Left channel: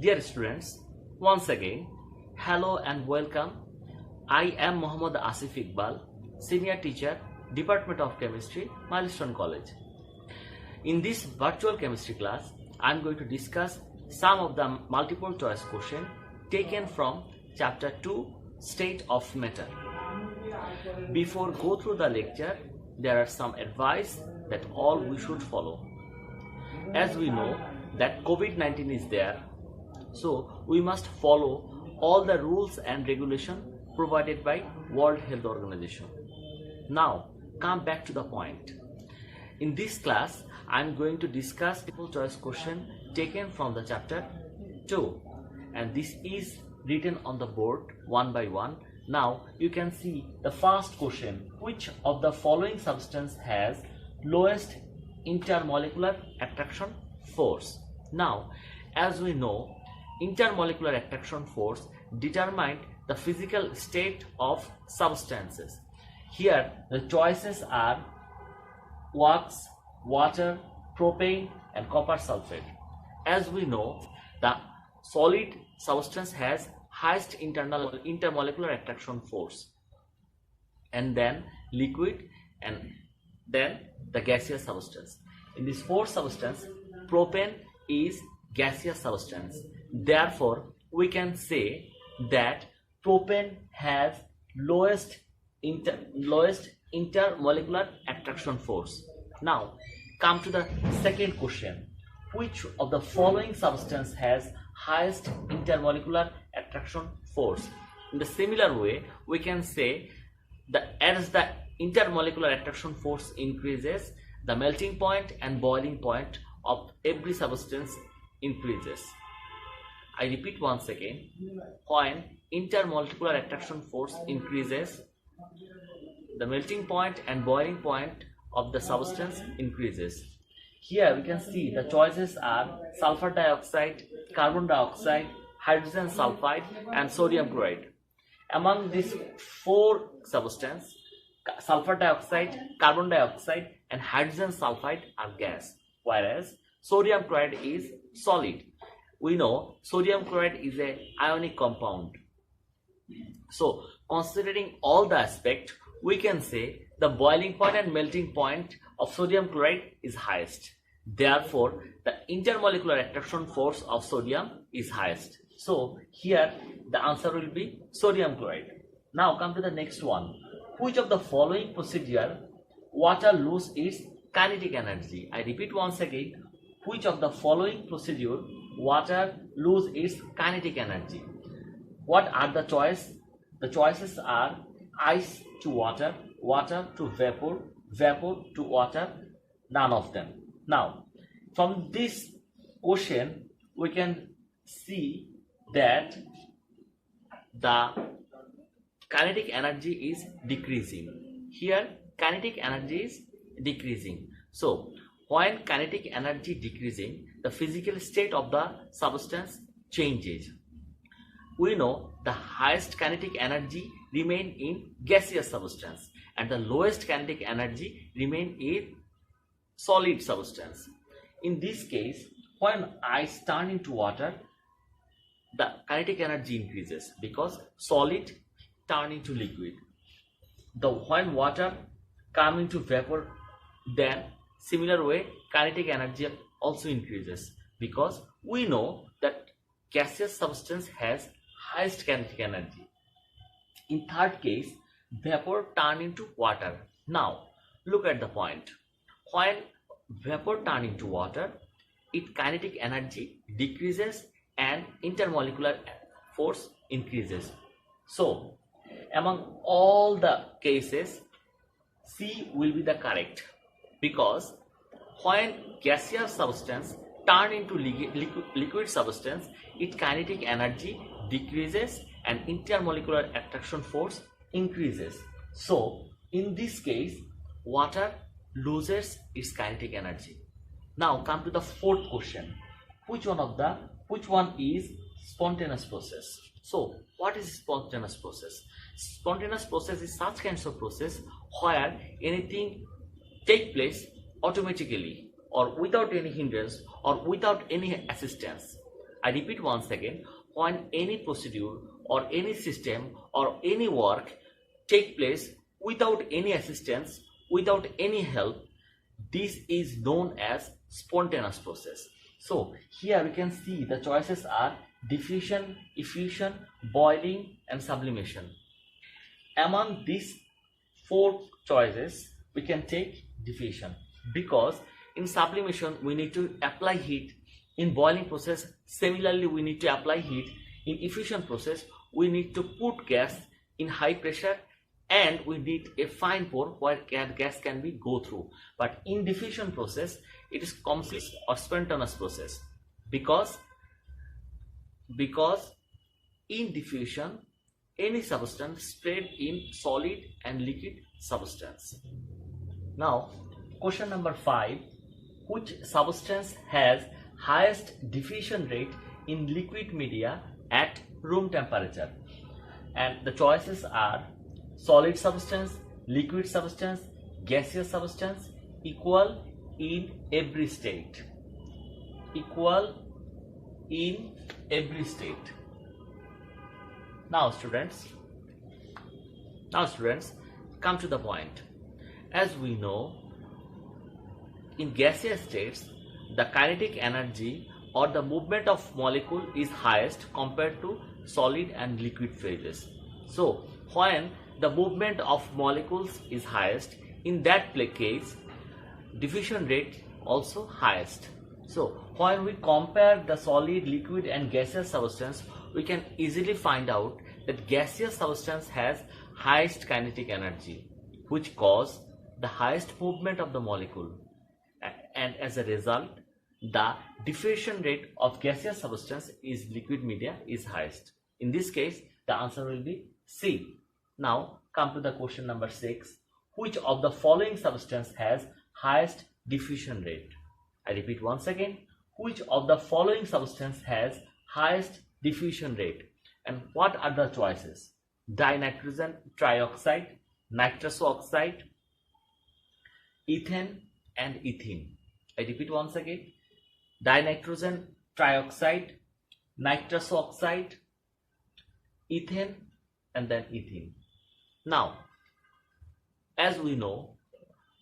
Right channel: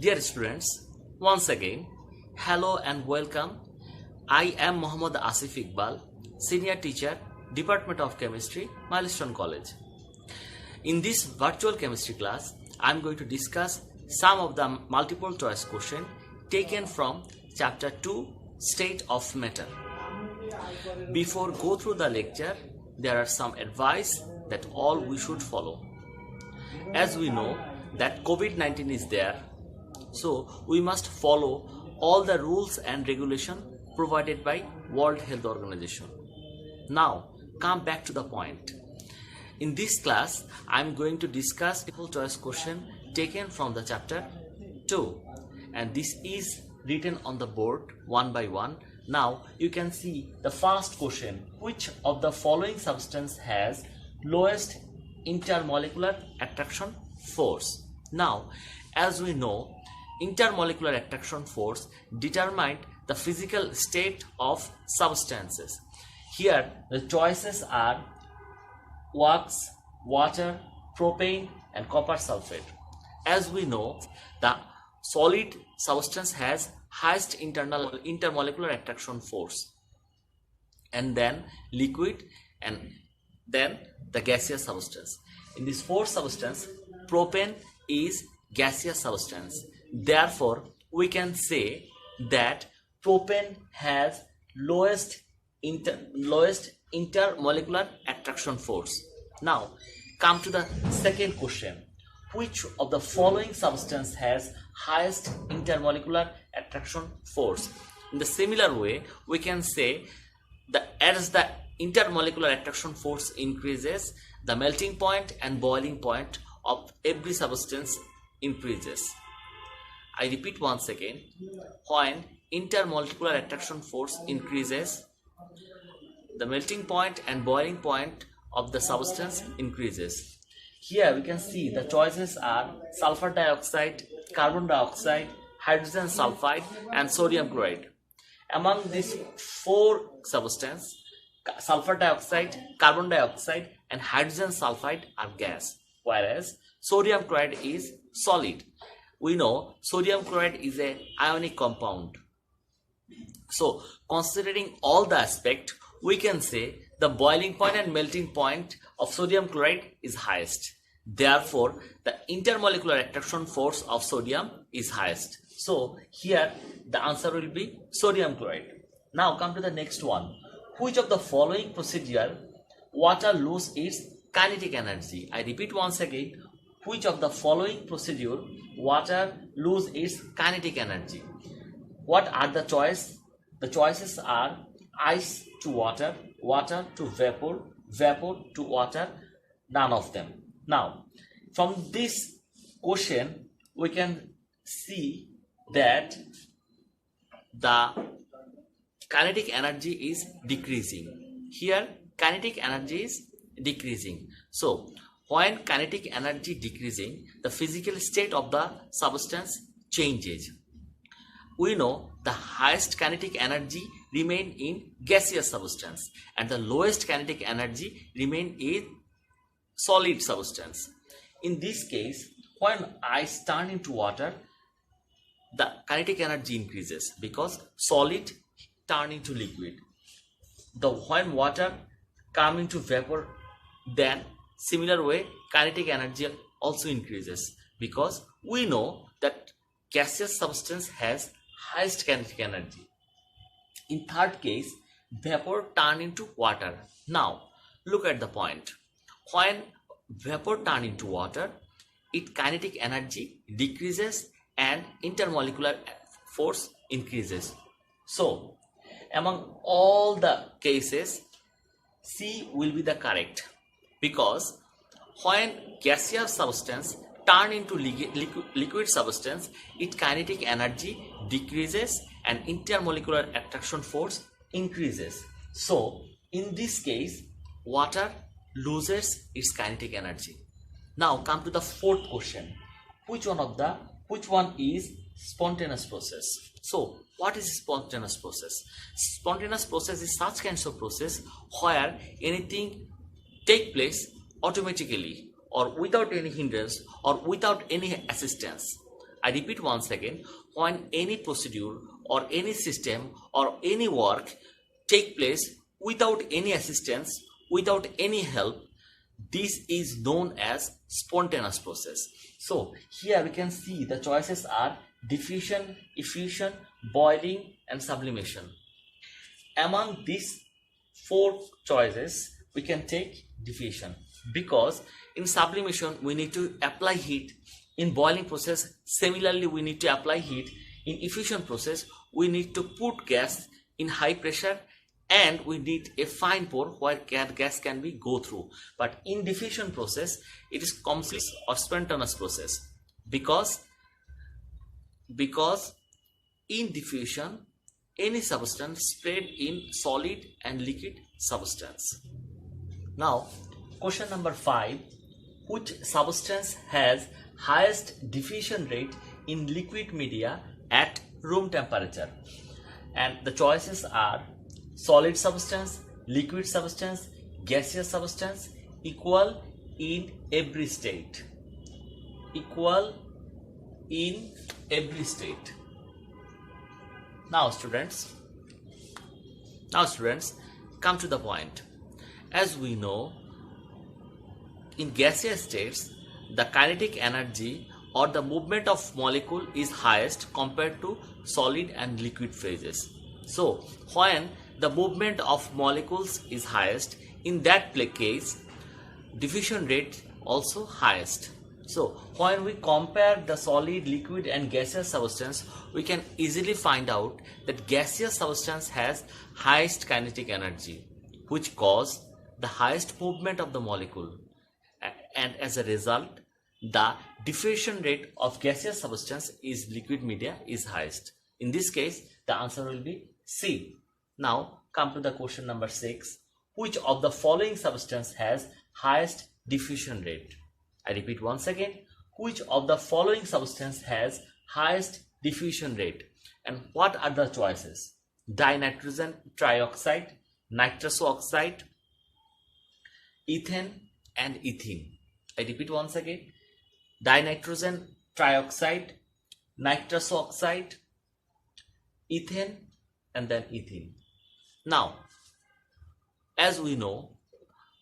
Dear students, once again, hello and welcome. I am Mohammad Asif Iqbal, Senior Teacher, Department of Chemistry, Milestone College. In this virtual chemistry class, I am going to discuss some of the multiple choice questions taken from Chapter 2, State of Matter. Before go through the lecture, there are some advice that all we should follow. As we know that COVID-19 is there, so we must follow all the rules and regulation provided by World Health Organization. Now, come back to the point. In this class, I am going to discuss multiple choice question taken from the chapter 2, and this is written on the board one by one. Now, you can see the first question: which of the following substance has lowest intermolecular attraction force? Now, as we know, intermolecular attraction force determines the physical state of substances. Here the choices are wax, water, propane and copper sulfate. As we know, the solid substance has highest intermolecular attraction force, and then liquid, and then the gaseous substance. In this fourth substance, propane is gaseous substance. Therefore, we can say that propane has lowest intermolecular attraction force. Now, come to the second question: which of the following substance has highest intermolecular attraction force? In the similar way, we can say that as the intermolecular attraction force increases, the melting point and boiling point of every substance increases. I repeat once again, when intermolecular attraction force increases, the melting point and boiling point of the substance increases. Here we can see the choices are sulfur dioxide, carbon dioxide, hydrogen sulfide and sodium chloride. Among these four substances, sulfur dioxide, carbon dioxide and hydrogen sulfide are gas, whereas sodium chloride is solid. We know sodium chloride is an ionic compound. So, considering all the aspects, we can say the boiling point and melting point of sodium chloride is highest. Therefore, the intermolecular attraction force of sodium is highest. So, here the answer will be sodium chloride. Now, come to the next one. Which of the following procedure water lose its kinetic energy? I repeat once again. Which of the following procedure water lose its kinetic energy? What are the choices? The choices are ice to water, water to vapor, vapor to water, none of them. Now, from this question, we can see that the kinetic energy is decreasing. Here, kinetic energy is decreasing. So, when kinetic energy decreasing, the physical state of the substance changes. We know the highest kinetic energy remain in gaseous substance and the lowest kinetic energy remain in solid substance. In this case, when ice turn into water, the kinetic energy increases because solid turn into liquid. When water come into vapor, then similar way kinetic energy also increases because we know that gaseous substance has highest kinetic energy. In third case, vapor turn into water. Now, look at the point. When vapor turn into water, its kinetic energy decreases and intermolecular force increases. So, among all the cases, C will be the correct, because when gaseous substance turn into liquid substance, its kinetic energy decreases and intermolecular attraction force increases. So, in this case, water loses its kinetic energy. Now, come to the fourth question. Which one is spontaneous process? So, what is spontaneous process? Spontaneous process is such kinds of process where anything take place automatically or without any hindrance or without any assistance. I repeat once again, when any procedure or any system or any work take place without any assistance, without any help, this is known as spontaneous process. So here we can see the choices are diffusion, effusion, boiling and sublimation. Among these four choices, we can take diffusion, because in sublimation we need to apply heat. In boiling process, similarly we need to apply heat. In effusion process, we need to put gas in high pressure and we need a fine pore where gas can be go through. But in diffusion process, it is complex or spontaneous process, because in diffusion any substance spread in solid and liquid substance. Now question number 5, which substance has highest diffusion rate in liquid media at room temperature? And the choices are solid substance, liquid substance, gaseous substance, equal in every state. Equal in every state. Now students, come to the point. As we know, in gaseous states, the kinetic energy or the movement of molecule is highest compared to solid and liquid phases. So when the movement of molecules is highest, in that case diffusion rate also highest. So when we compare the solid, liquid and gaseous substance, we can easily find out that gaseous substance has highest kinetic energy, which cause the highest movement of the molecule, and as a result the diffusion rate of gaseous substance is liquid media is highest. In this case the answer will be C. Now come to the question number 6, which of the following substance has highest diffusion rate? I repeat once again, which of the following substance has highest diffusion rate? And what are the choices? Dinitrogen trioxide, nitrous oxide, ethane and ethene. I repeat once again, dinitrogen trioxide, nitrous oxide, ethane and then ethene. Now, as we know,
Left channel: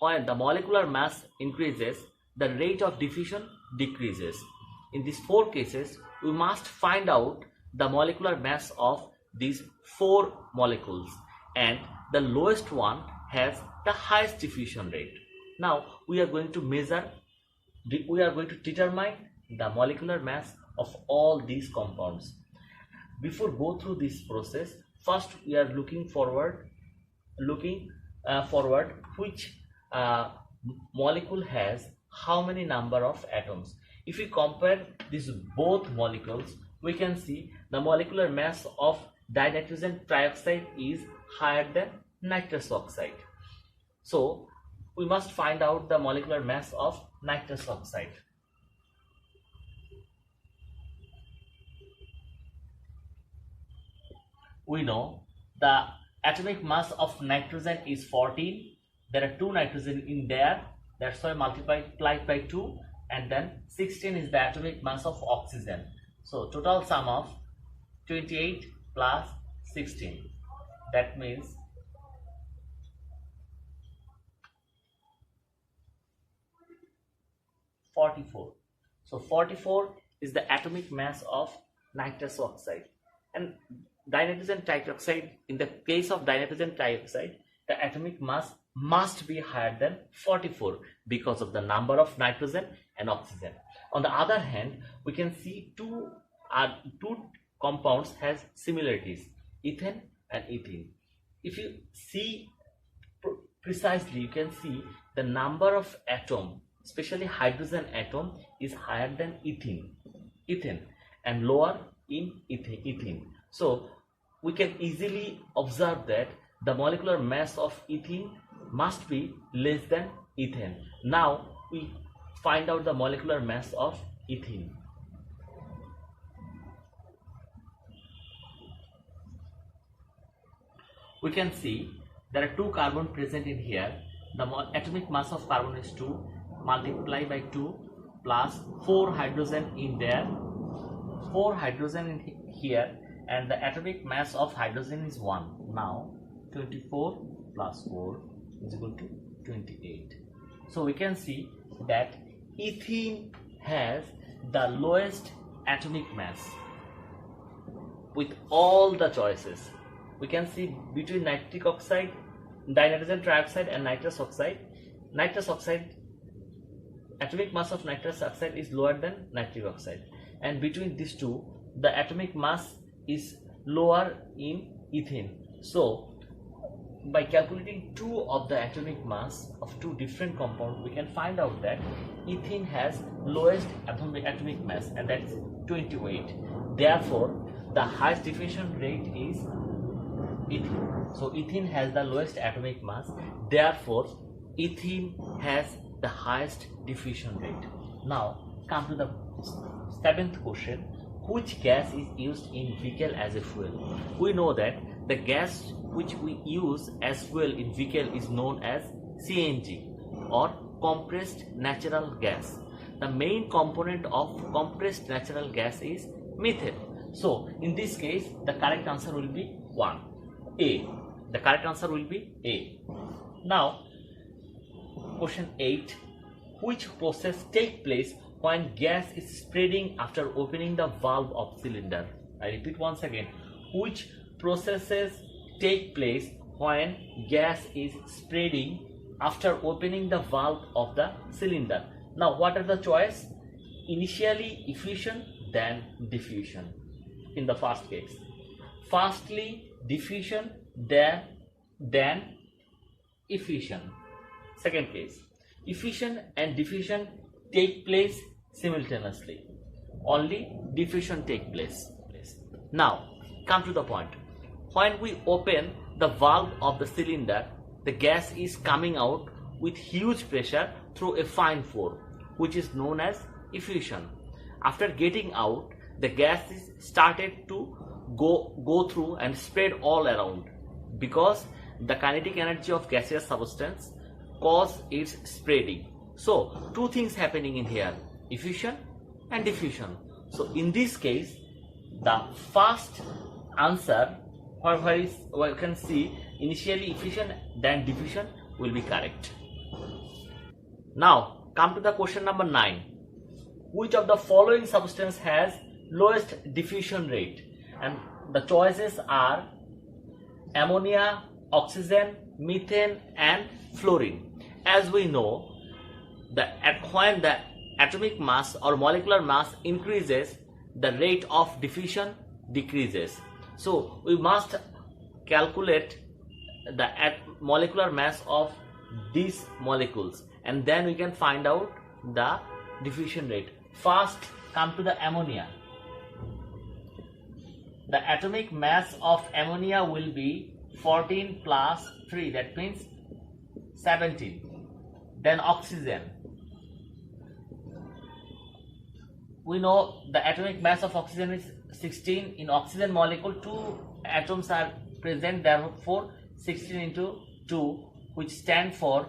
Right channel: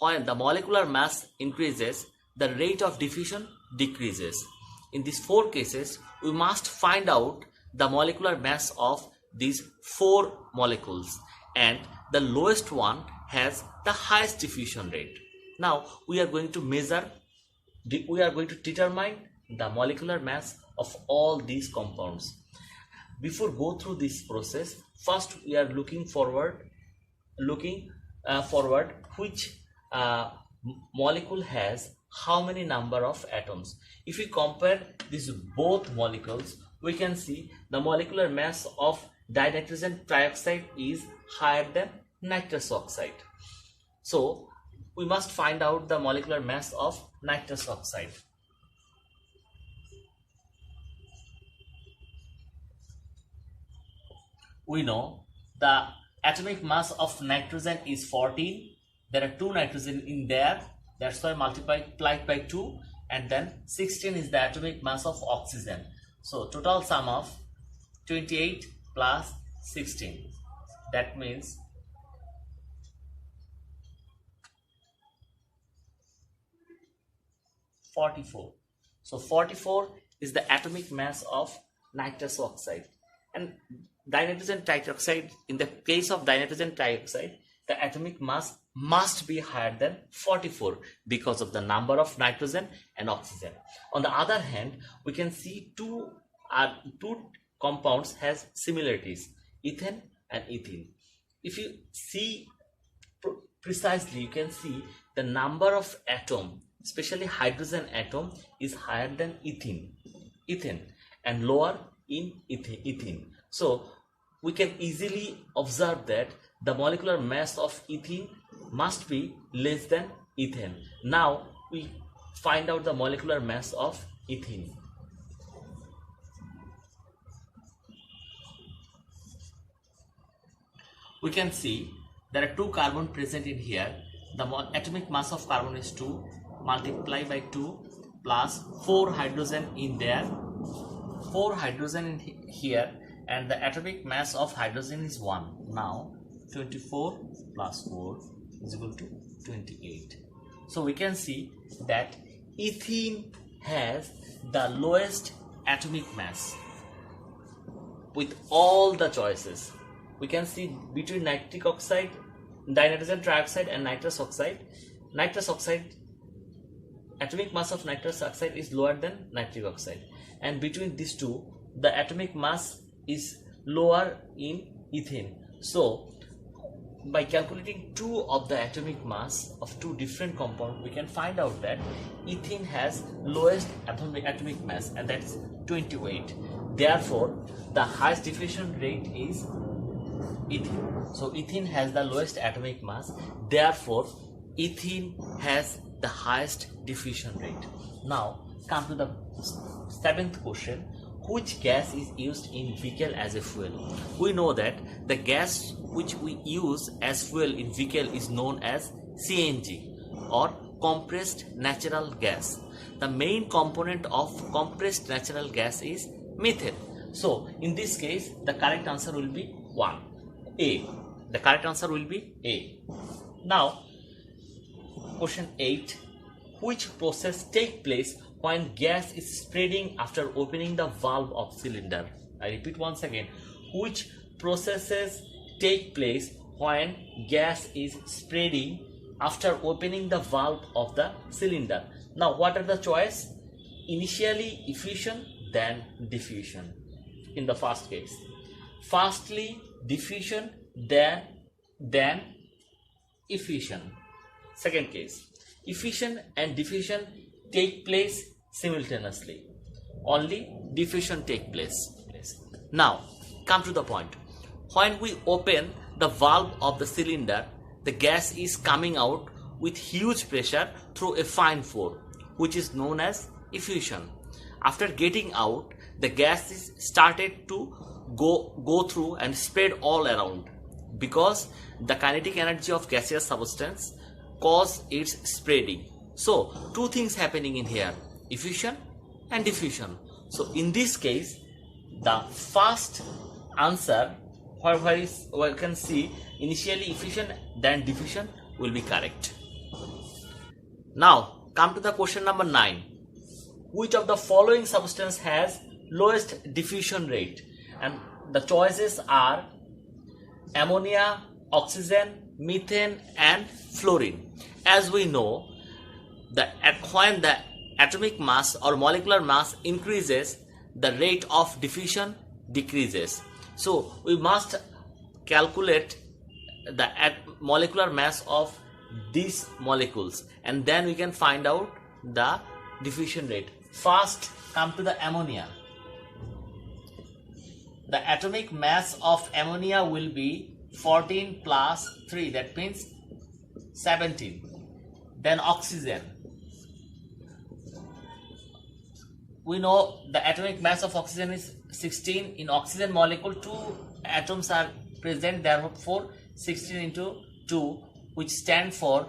when the molecular mass increases, the rate of diffusion decreases. In these four cases, we must find out the molecular mass of these four molecules, and the lowest one has the highest diffusion rate. Now we are going to determine the molecular mass of all these compounds. Before go through this process, first we are looking forward which molecule has how many number of atoms. If we compare these both molecules, we can see the molecular mass of dinitrogen trioxide is higher than nitrous oxide. So we must find out the molecular mass of nitrous oxide. We know the atomic mass of nitrogen is 14. There are 2 nitrogen in there, that's why multiplied by 2, and then 16 is the atomic mass of oxygen. So total sum of 28 plus 16, that means 44. So 44 is the atomic mass of nitrous oxide. And dinitrogen trioxide, in the case of dinitrogen trioxide, the atomic mass must be higher than 44 because of the number of nitrogen and oxygen. On the other hand, we can see two compounds has similarities, ethane and ethene. If you see precisely, you can see the number of atom, especially hydrogen atom, is higher than ethane and lower in ethene. So we can easily observe that the molecular mass of ethene must be less than ethane. Now we find out the molecular mass of ethene. We can see there are 2 carbon present in here. The atomic mass of carbon is 2, multiply by 2 plus 4 hydrogen in there, 4 4 hydrogen in here, and the atomic mass of hydrogen is 1. Now 24 plus 4 is equal to 28. So we can see that ethene has the lowest atomic mass with all the choices. We can see between nitric oxide, dinitrogen trioxide and nitrous oxide. Nitrous oxide, atomic mass of nitrous oxide is lower than nitric oxide, and between these two the atomic mass is lower in ethene. So by calculating two of the atomic mass of two different compounds, we can find out that ethene has lowest atomic mass, and that is 28. Therefore the highest diffusion rate is ethene. So ethene has the lowest atomic mass, therefore ethene has the highest diffusion rate. Now come to the 7th question. Which gas is used in vehicle as a fuel? We know that the gas which we use as fuel in vehicle is known as CNG, or compressed natural gas. The main component of compressed natural gas is methane. So in this case the correct answer will be 1, A. The correct answer will be A. Now question 8. Which process take place when gas is spreading after opening the valve of cylinder? I repeat once again. Which processes take place when gas is spreading after opening the valve of the cylinder? Now what are the choice? Initially effusion, then diffusion. In the first case, firstly diffusion, then effusion. Second case, effusion and diffusion take place simultaneously. Only diffusion take place. Now come to the point. When we open the valve of the cylinder, the gas is coming out with huge pressure through a fine pore, which is known as effusion. After getting out, the gas is started to go through and spread all around, because the kinetic energy of gaseous substance cause its spreading. So two things happening in here, effusion and diffusion. So in this case the first answer, where we can see initially effusion then diffusion, will be correct. Now come to the question number 9. Which of the following substance has lowest diffusion rate? And the choices are ammonia, oxygen, methane and fluorine. As we know that when the atomic mass or molecular mass increases, the rate of diffusion decreases. So we must calculate the molecular mass of these molecules, and then we can find out the diffusion rate. First come to the ammonia. The atomic mass of ammonia will be 14 plus 3, that means 17. Then oxygen. We know the atomic mass of oxygen is 16. In oxygen molecule 2 atoms are present, therefore 16 into 2, which stand for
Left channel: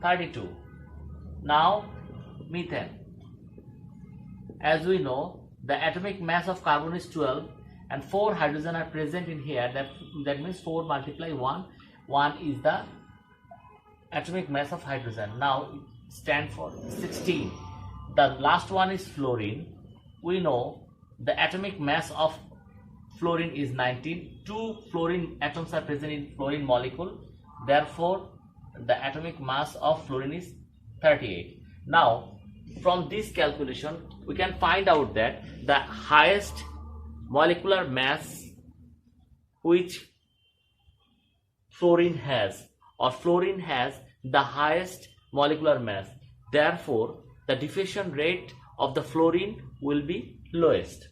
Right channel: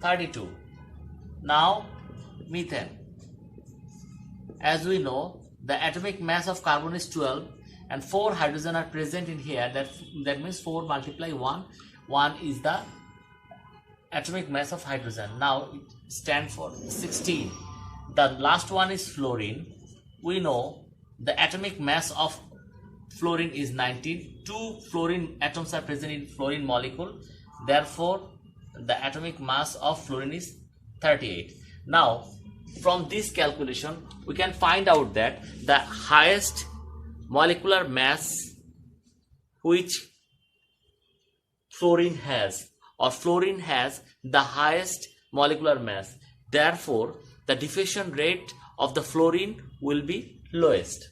32. Now methane. As we know, the atomic mass of carbon is 12 and 4 hydrogen are present in here. That means 4 multiply 1. 1 is the atomic mass of hydrogen. Now it stands for 16. The last one is fluorine. We know the atomic mass of fluorine is 19. 2 fluorine atoms are present in fluorine molecule. Therefore, the atomic mass of fluorine is 38. Now, from this calculation, we can find out that the highest molecular mass which fluorine has, or fluorine has the highest molecular mass. Therefore, the diffusion rate of the fluorine will be lowest.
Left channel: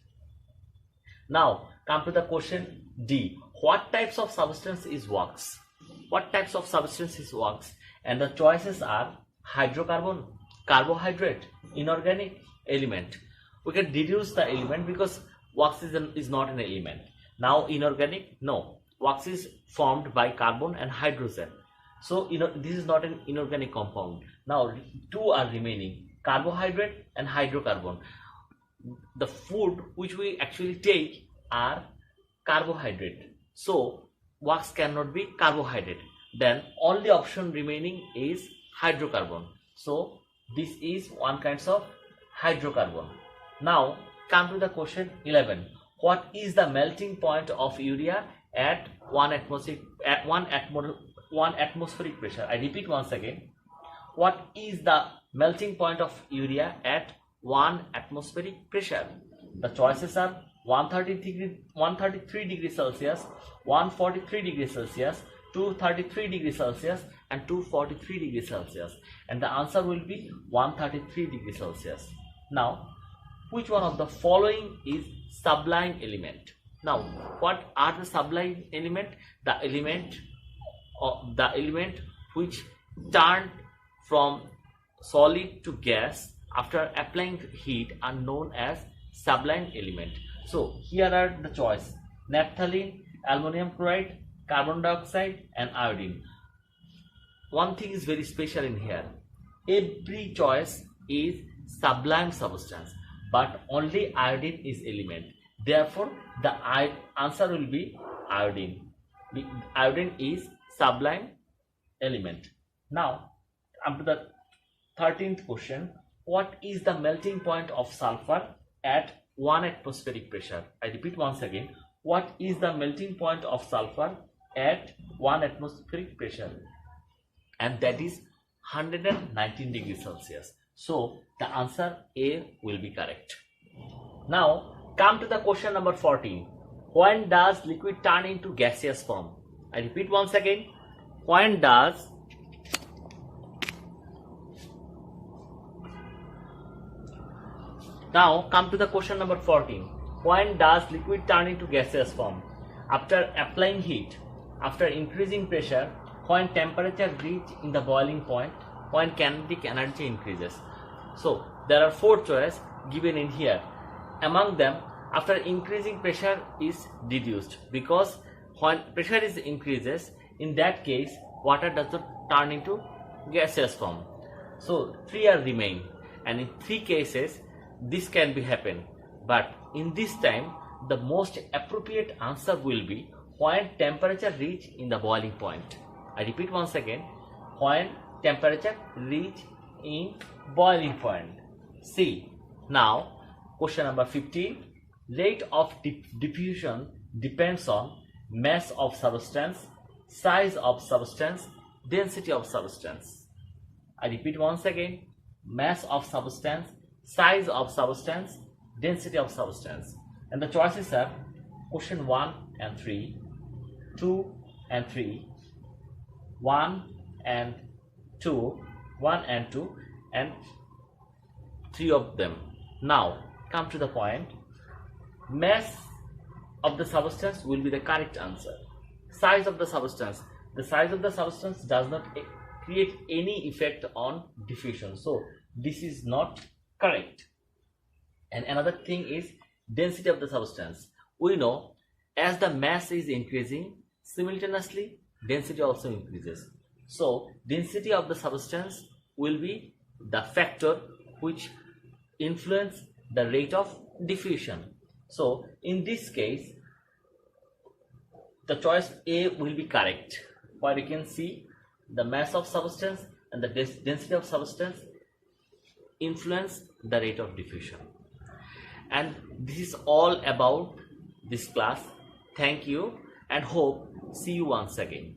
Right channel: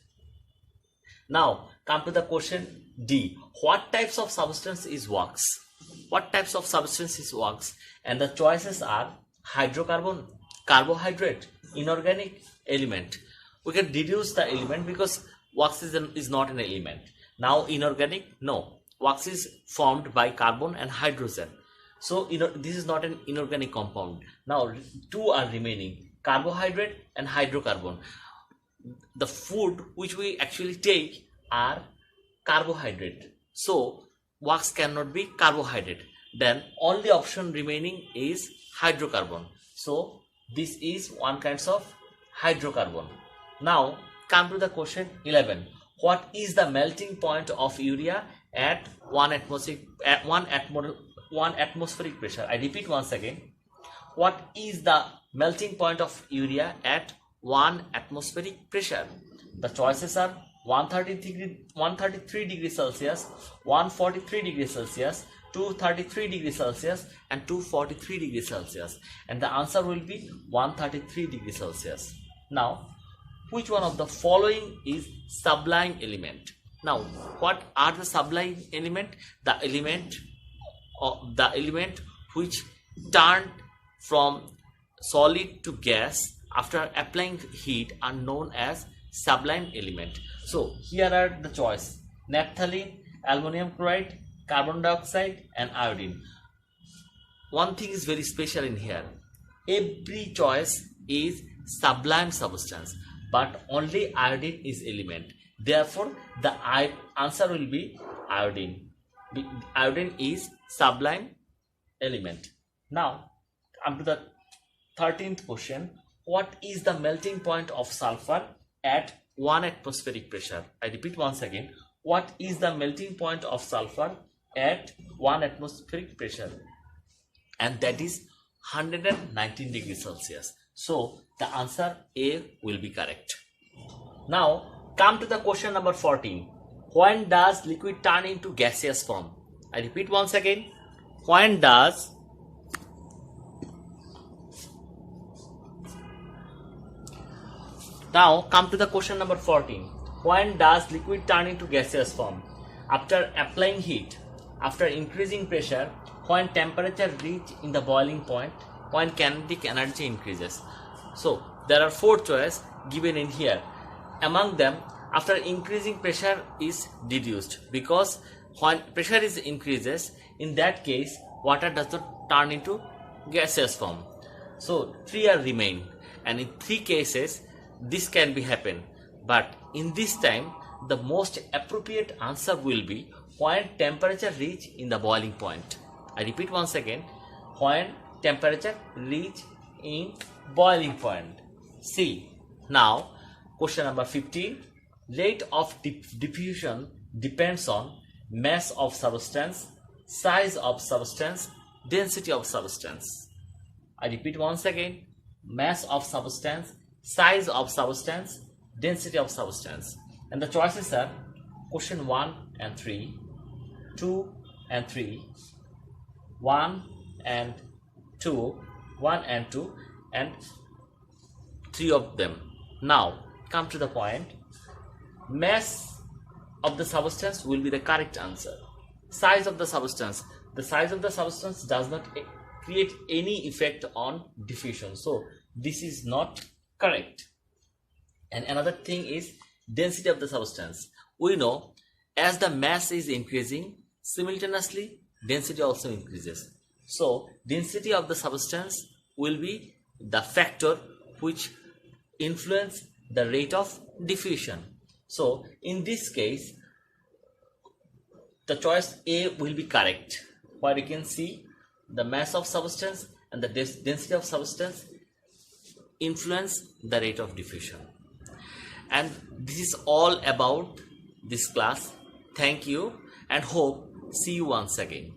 Now, come to the question D. What types of substance is wax? What types of substance is wax? And the choices are hydrocarbon, carbohydrate, inorganic, element. We can deduce the element because wax is not an element. Now inorganic, no. Wax is formed by carbon and hydrogen. So this is not an inorganic compound. Now two are remaining, carbohydrate and hydrocarbon. the food which we actually take are carbohydrate. So wax cannot be carbohydrate. Then only option remaining is hydrocarbon. So this is one kind of hydrocarbon. Now come to the question 11. What is the melting point of urea at 1 atmospheric pressure? I repeat once again. What is the melting point of urea at 1 atmospheric pressure? The choices are 133 degrees Celsius, 143 degrees Celsius, 233 degrees Celsius and 243 degrees Celsius, and the answer will be 133 degrees Celsius. Now, which one of the following is sublime element? Now, what are the sublime element? The element which turned from solid to gas after applying heat are known as sublime element. So here are the choice: naphthalene, ammonium chloride, carbon dioxide and iodine. One thing is very special in here. Every choice is sublime substance, but only iodine is element. Therefore, the answer will be iodine. Iodine is sublime element. Now, come to the 13th question. What is the melting point of sulfur at 1 atmospheric pressure? I repeat once again. What is the melting point of sulfur at 1 atmospheric pressure? And that is 119 degrees Celsius. So the answer A will be correct. Now come to the question number 14. When does liquid turn into gaseous form? I repeat once again. When does Now come to the question number 14. When does liquid turn into gaseous form? After applying heat, after increasing pressure, when temperature reach in the boiling point, when kinetic energy increases. So there are 4 choices given in here. Among them, after increasing pressure is deduced, because when pressure is increases, in that case water does not turn into gaseous form. So 3 are remain, and in 3 cases this can be happen, but in this time the most appropriate answer will be when temperature reach in the boiling point. I repeat once again, when temperature reach in boiling point. See, now question number 15. Rate of diffusion depends on mass of substance, size of substance, density of substance. I repeat once again, mass of substance, size of substance, density of substance. And the choices are question 1 and 3, 2 and 3, 1 and 2, 1 and 2, and 3 of them. Now come to the point. Mass of the substance will be the correct answer. Size of the substance. The size of the substance does not create any effect on diffusion. So this is not correct. And another thing is density of the substance. We know as the mass is increasing, simultaneously density also increases. So density of the substance will be the factor which influence the rate of diffusion. So in this case, the choice A will be correct, where you can see the mass of substance and the density of substance influence the rate of diffusion. And this is all about this class. Thank you and hope see you once again.